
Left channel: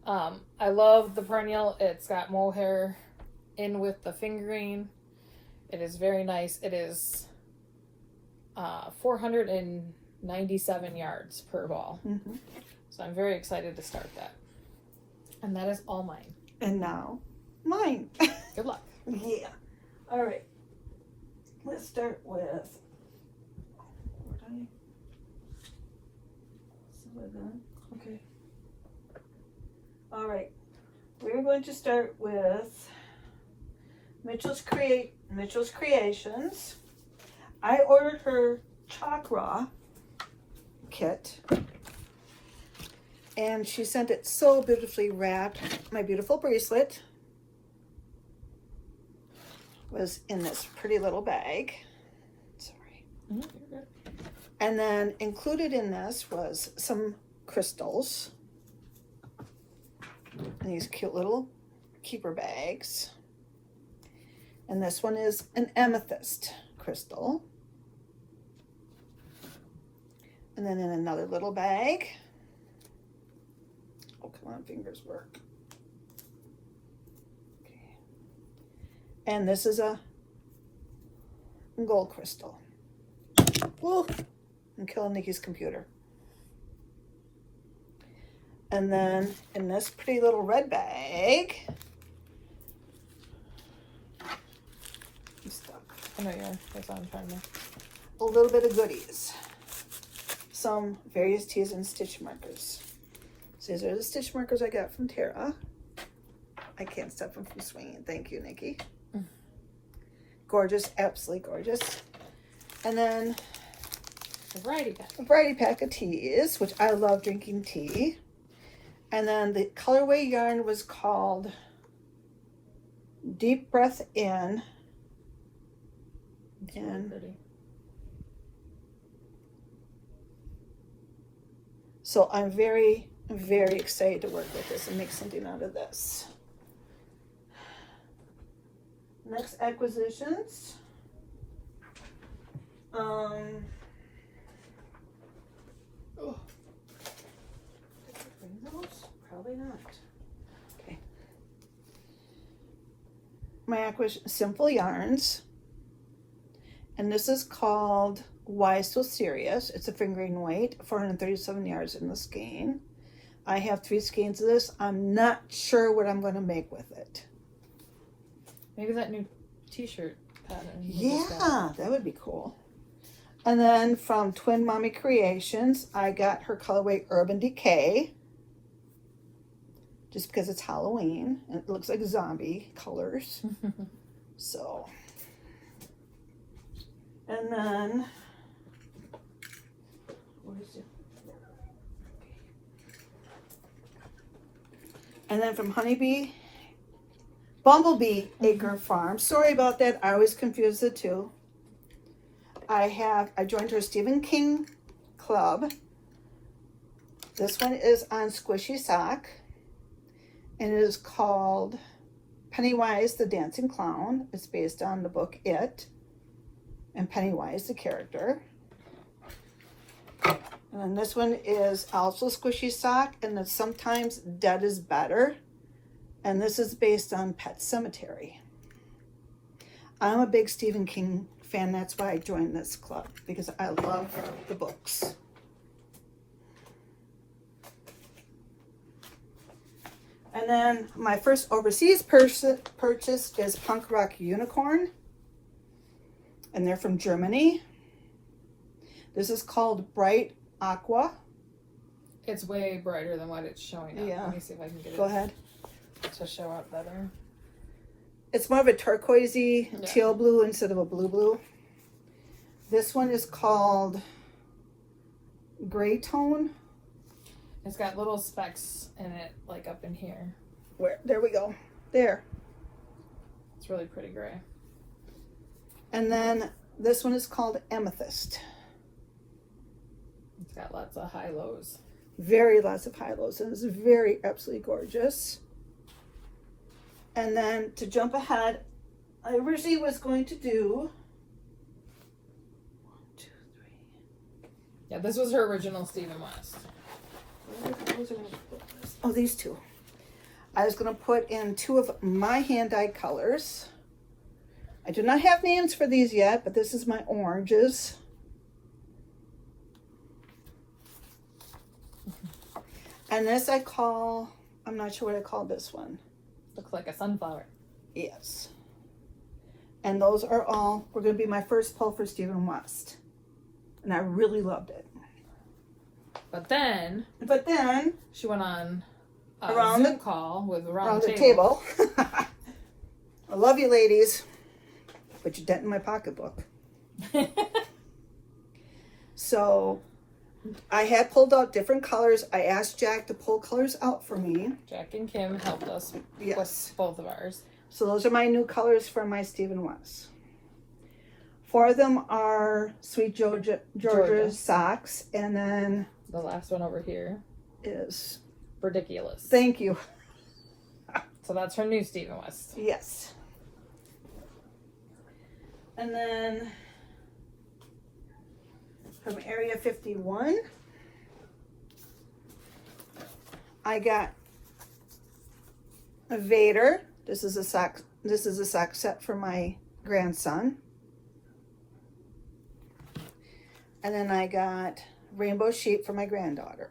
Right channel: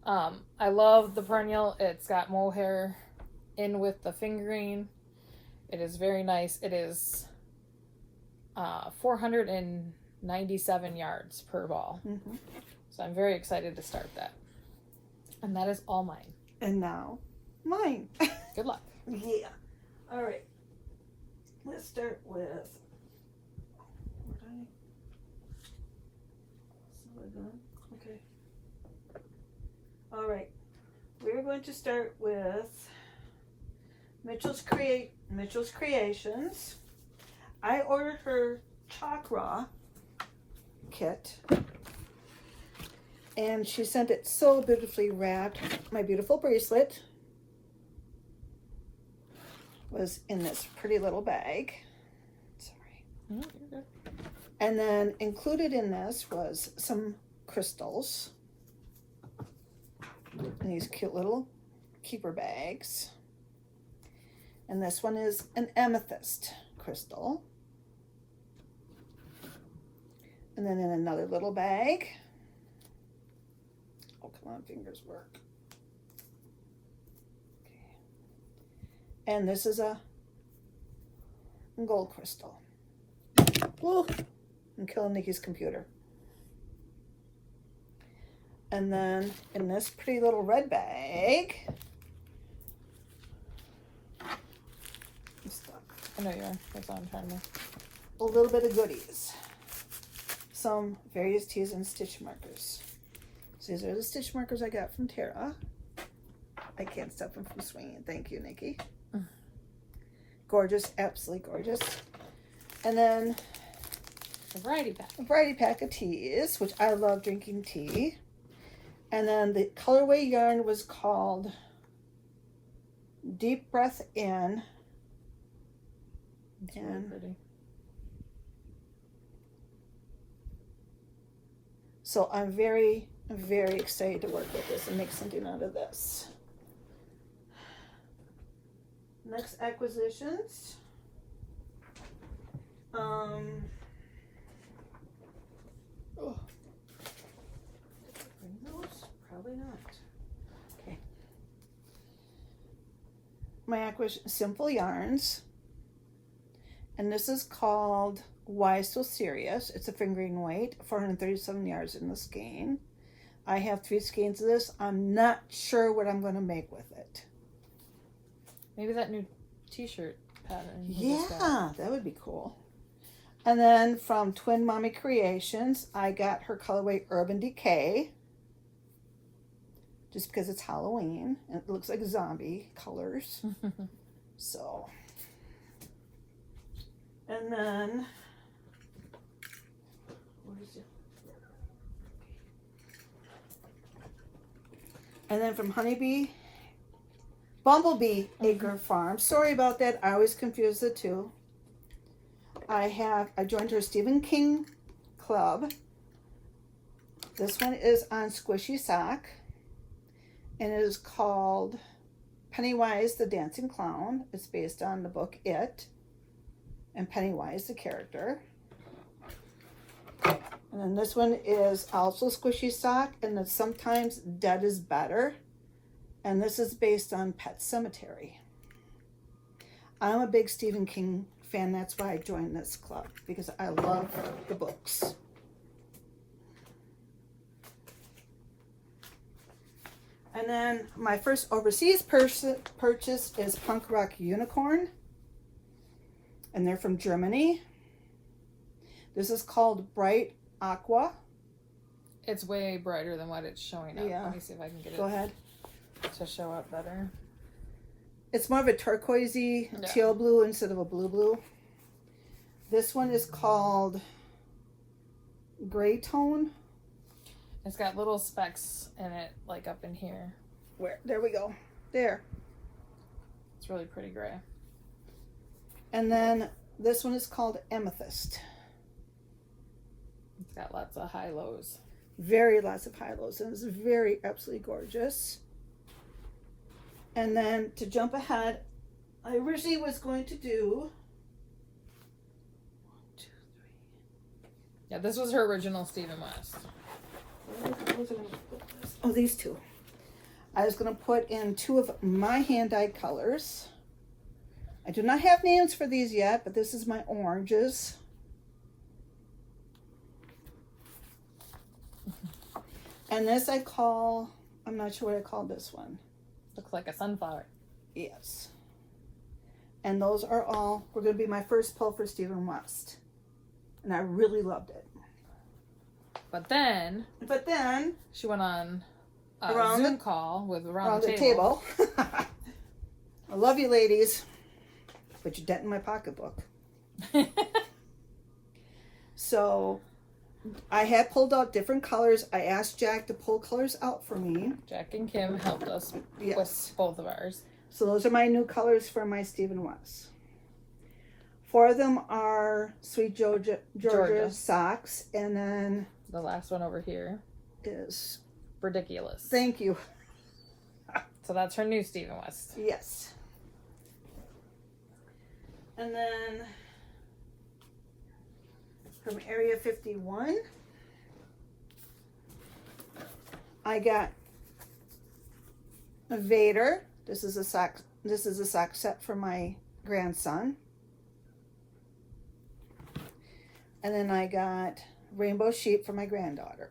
I love the Perennial. It's got mohair in with the fingering. It is very nice. It is 497 yards per ball. Mm-hmm. So I'm very excited to start that. And that is all mine. And now, mine. Good luck. Yeah. All right. Let's start with... Okay. All right. We're going to start with Mitchell's Creations. I ordered her Chakra kit, and she sent it so beautifully wrapped. My beautiful bracelet was in this pretty little bag. Sorry. Mm-hmm, you're good. And then included in this was some crystals. These cute little keeper bags. And this one is an amethyst crystal. And then in another little bag. Oh, come on, fingers work. Okay. And this is a gold crystal. Woo! I'm killing Nicci's computer. And then in this pretty little red bag. I know you are. That's all I'm trying to. A little bit of goodies. Some various teas and stitch markers. So these are the stitch markers I got from Tara. I can't stop them from swinging. Thank you, Nicci. Gorgeous, absolutely gorgeous. And then a variety pack of teas, which I love drinking tea. And then the colorway yarn was called Deep Breath In. It's really pretty. So I'm very, very excited to work with this and make something out of this. Next acquisitions. Oh. Bring those? Probably not. Okay. My acquisition, Simple Yarns. And this is called Why So Serious. It's a fingering weight, 437 yards in the skein. I have 3 skeins of this. I'm not sure what I'm going to make with it. Maybe that new t-shirt pattern. Yeah, that would be cool. And then from Twin Mommy Creations, I got her colorway Urban Decay. Just because it's Halloween. And it looks like zombie colors. So. And then. Where is it? And then from Bumblebee Acre Farm. Sorry about that. I always confuse the two. I joined her Stephen King club. This one is on Squishy Sock. And it is called Pennywise the Dancing Clown. It's based on the book It. And Pennywise the character. And then this one is also Squishy Sock. And it's Sometimes Dead is Better. And this is based on Pet Cemetery. I'm a big Stephen King fan. That's why I joined this club. Because I love the books. And then my first overseas purchase is Punk Rock Unicorn. And they're from Germany. This is called Bright Aqua. It's way brighter than what it's showing up. Yeah. Let me see if I can get it. Go ahead. To show up better. It's more of a turquoisey teal blue instead of a blue. This one is called Gray Tone. It's got little specks in it, like up in here. Where? There we go. There. It's really pretty gray. And then this one is called Amethyst. It's got lots of high lows. Lots of high lows. And it's very absolutely gorgeous. And then to jump ahead, I originally was going to do 1, 2, 3. Yeah, this was her original Stephen West. Oh, these two. I was going to put in 2 of my hand-dyed colors. I do not have names for these yet, but this is my oranges. And this I call, I'm not sure what I call this one. Looks like a sunflower. Yes. And those are all, were going to be my first pull for Stephen West. And I really loved it. But then she went on a Zoom call with around the table. I love you, ladies. Put your dent in my pocketbook. So I had pulled out different colors. I asked Jack to pull colors out for me. Jack and Kim helped us Yes. with both of ours. So those are my new colors for my Stephen West. 4 of them are Sweet Georgia socks. And then the last one over here is Ridiculous. Thank you. So that's her new Stephen West. Yes. And then from Area 51, I got a Vader. This is a sock set for my grandson. And then I got Rainbow Sheep for my granddaughter.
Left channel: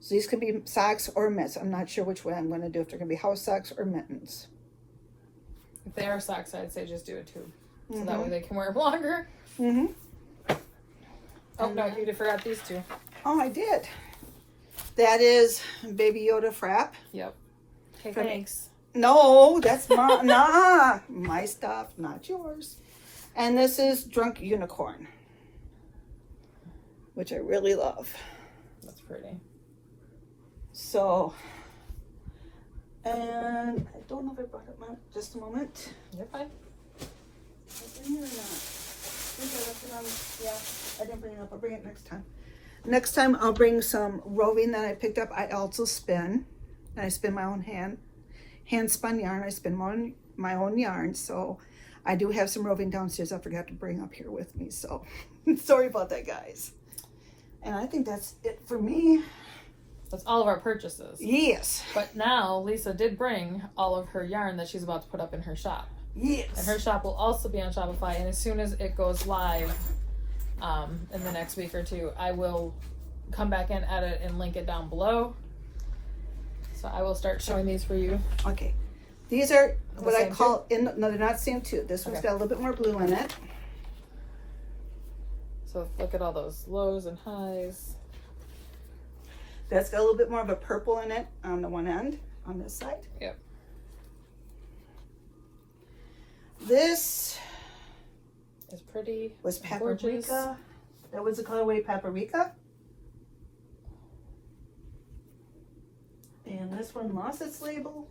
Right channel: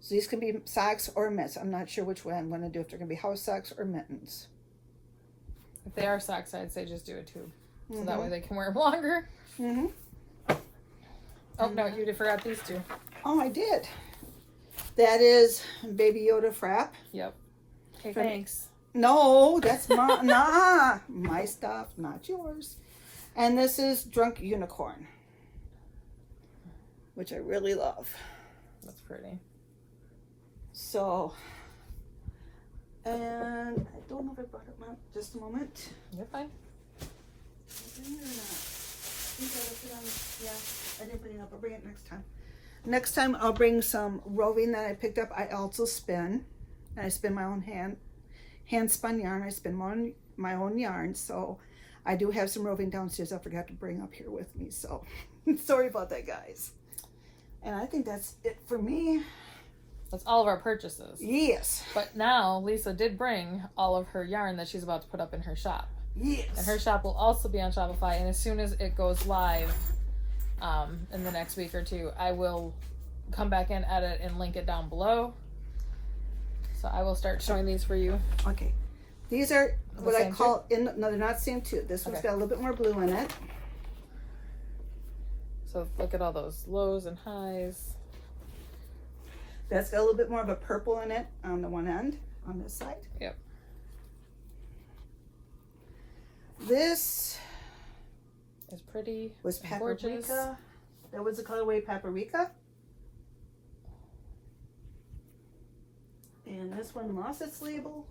So these can be socks or mitts. I'm not sure which way I'm going to do, if they're going to be house socks or mittens. If they are socks, I'd say just do it too. So that way they can wear them longer. Mm-hmm. Oh, no, you forgot these 2. Oh, I did. That is Baby Yoda Frap. Yep. Hey, thanks. No, that's not, nah, my stuff, not yours. And this is Drunk Unicorn, which I really love. That's pretty. So, and I don't know if I brought it up. Just a moment. You're fine. Is it in here or not? I think I left it on. Yeah, I didn't bring it up. I'll bring it next time. Next time I'll bring some roving that I picked up. I also spin. And I spin my own hand spun yarn. I spin my own yarn. So I do have some roving downstairs I forgot to bring up here with me. So sorry about that, guys. And I think that's it for me. That's all of our purchases. Yes. But now Lisa did bring all of her yarn that she's about to put up in her shop. Yes. And her shop will also be on Shopify. And as soon as it goes live in the next week or two, I will come back and edit and link it down below. So I will start showing these for you. Okay. These are what I call, too? no, they're not same too. This one's Okay. got a little bit more blue in it. So look at all those lows and highs. That's got a little bit more of a purple in it on the one end, on this side. Yep. This It's pretty. was Gorgeous. paprika. That was the colorway paprika. And this one lost its label.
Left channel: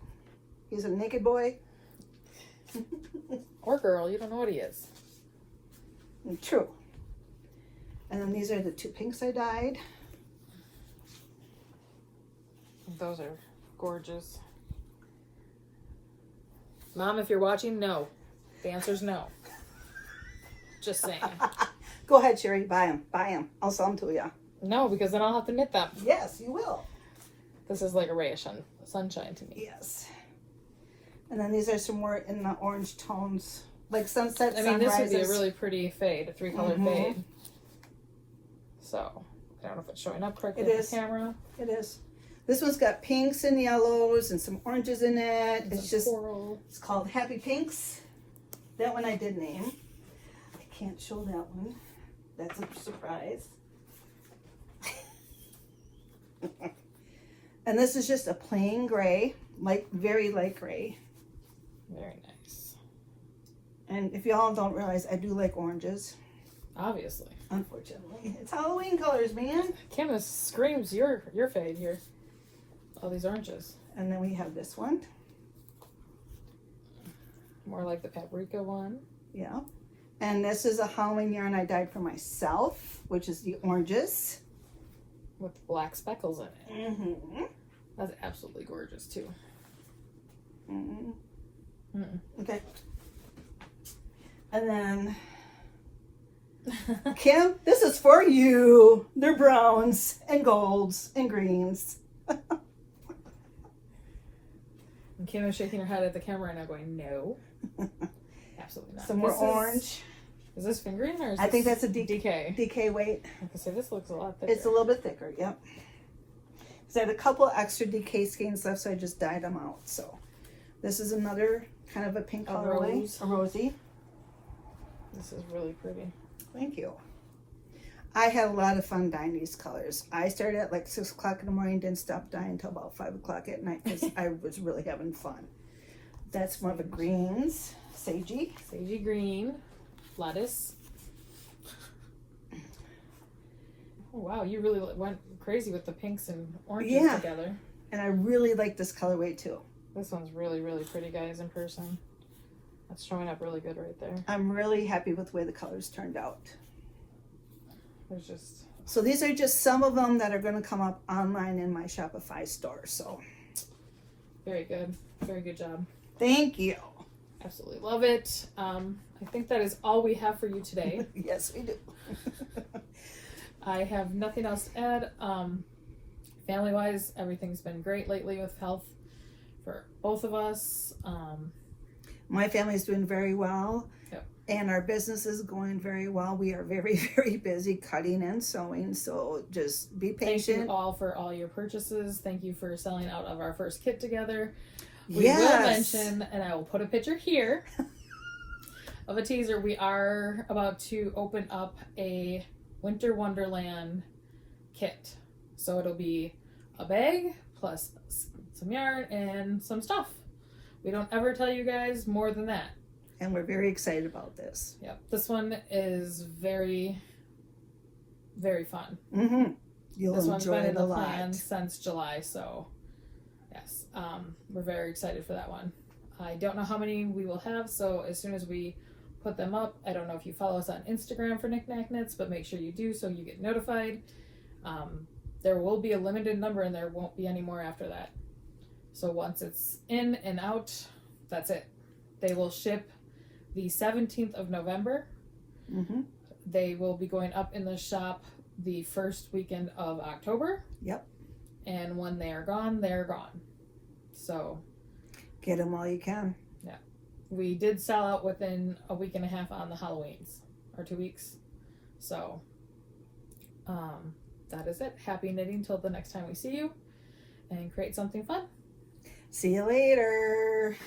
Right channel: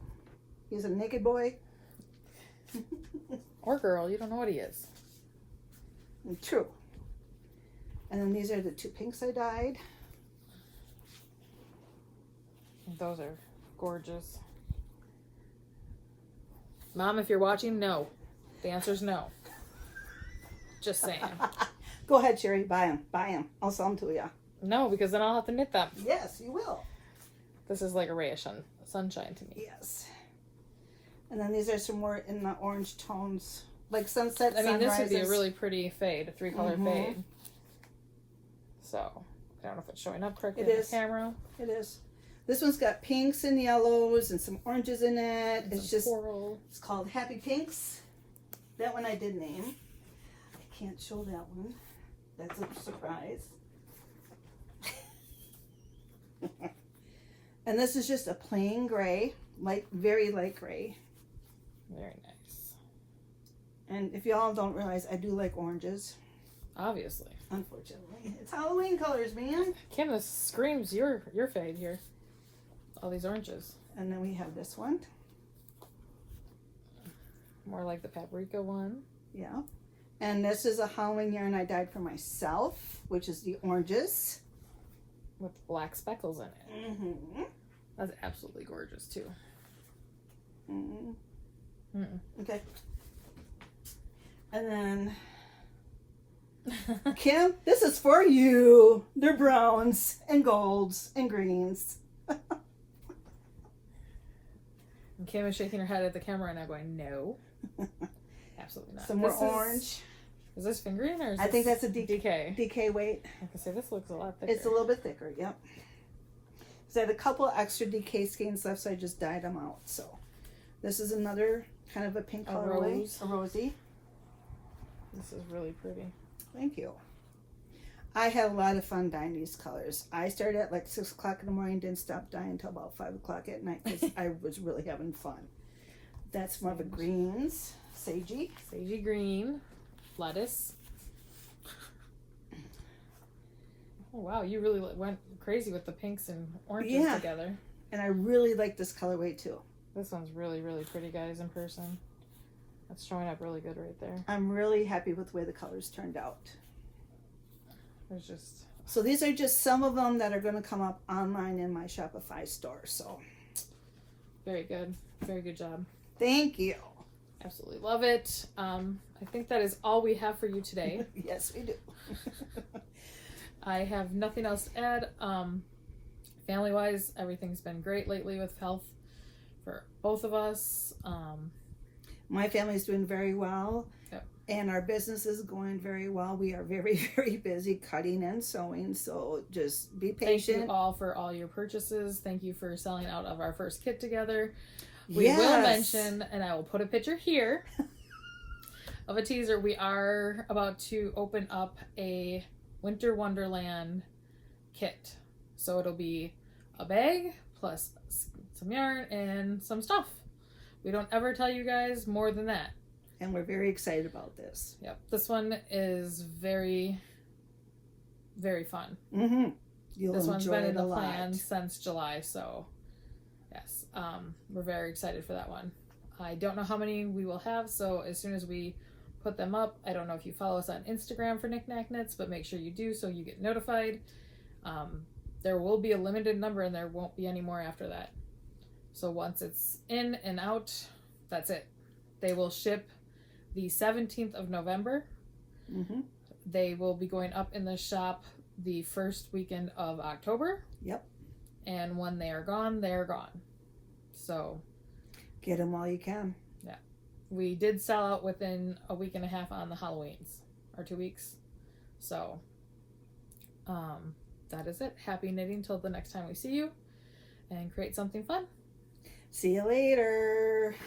He's a naked boy. Or girl, you don't know what he is. True. And then these are the two pinks I dyed. Those are gorgeous. Mom, if you're watching, no. The answer's no. Just saying. Go ahead, Sherry. Buy them. Buy them. I'll sell them to you. No, because then I'll have to knit them. Yes, you will. This is like a ray of sunshine to me. Yes. And then these are some more in the orange tones, like sunset, I mean, this would be a sunrises. really pretty fade, a 3-color fade. So, I don't know if it's showing up correctly It on is. the camera. It is. This one's got pinks and yellows and some oranges in it. It's just, coral. it's called Happy Pinks. That one I did name. I can't show that one. That's a surprise. And this is just a plain gray, like very light gray. Very nice. And if y'all don't realize, I do like oranges. Obviously. Unfortunately, it's Halloween colors, man. Kim, this screams your fade here. All these oranges. And then we have this one. More like the paprika one. Yeah. And this is a Halloween yarn I dyed for myself, which is the oranges. With black speckles in it. Mm-hmm. That's absolutely gorgeous too. Mm-hmm. Mm-mm. Okay. And then, Kim, this is for you. They're browns and golds and greens. And Kim is shaking her head at the camera and I'm going, no. Absolutely not. Some more orange. Is this fingering or is I think this that's a DK? DK weight. I can say this looks a lot thicker. It's a little bit thicker, yep. So I had a couple extra DK skeins left, so I just dyed them out. So this is another kind of a pink colorway. rose. A rosy. This is really pretty. Thank you. I had a lot of fun dyeing these colors. I started at like 6 o'clock in the morning, didn't stop dyeing until about 5 o'clock at night because I was really having fun. That's one of the greens. Sagey. Sagey green. Lettuce. Oh wow, you really went crazy with the pinks and oranges together. And I really like this colorway too. This one's really, really pretty, guys, in person. That's showing up really good right there. I'm really happy with the way the colors turned out. There's just... So these are just some of them that are going to come up online in my Shopify store. So very good. Very good job. thank you. Absolutely love it. I think that is all we have for you today. Yes, we do. I have nothing else to add. Family-wise, everything's been great lately with health for both of us. My family's doing very well. Yep. And our business is going very well. We are very, very busy cutting and sewing. So just be patient. Thank you all for all your purchases. Thank you for selling out of our first kit together. We Yes. will mention, and I will put a picture here of a teaser. We are about to open up a Winter Wonderland kit. So it'll be a bag plus some yarn and some stuff. We don't ever tell you guys more than that. And we're very excited about this. Yep. This one is very, very fun. Mm-hmm. You'll This one's enjoy been it in a the lot. plan since July, so yes, we're very excited for that one. I don't know how many we will have, so as soon as we put them up, I don't know if you follow us on Instagram for NicNacKnits, but make sure you do so you get notified. There will be a limited number and there won't be any more after that. So once it's in and out, that's it. They will ship the 17th of November. Mm-hmm. They will be going up in the shop the first weekend of October. Yep. And when they are gone, they're gone. So get them while you can. Yeah. We did sell out within a week and a half on the Halloweens, or 2 weeks. So that is it. Happy knitting till the next time we see you, and create something fun. See you later.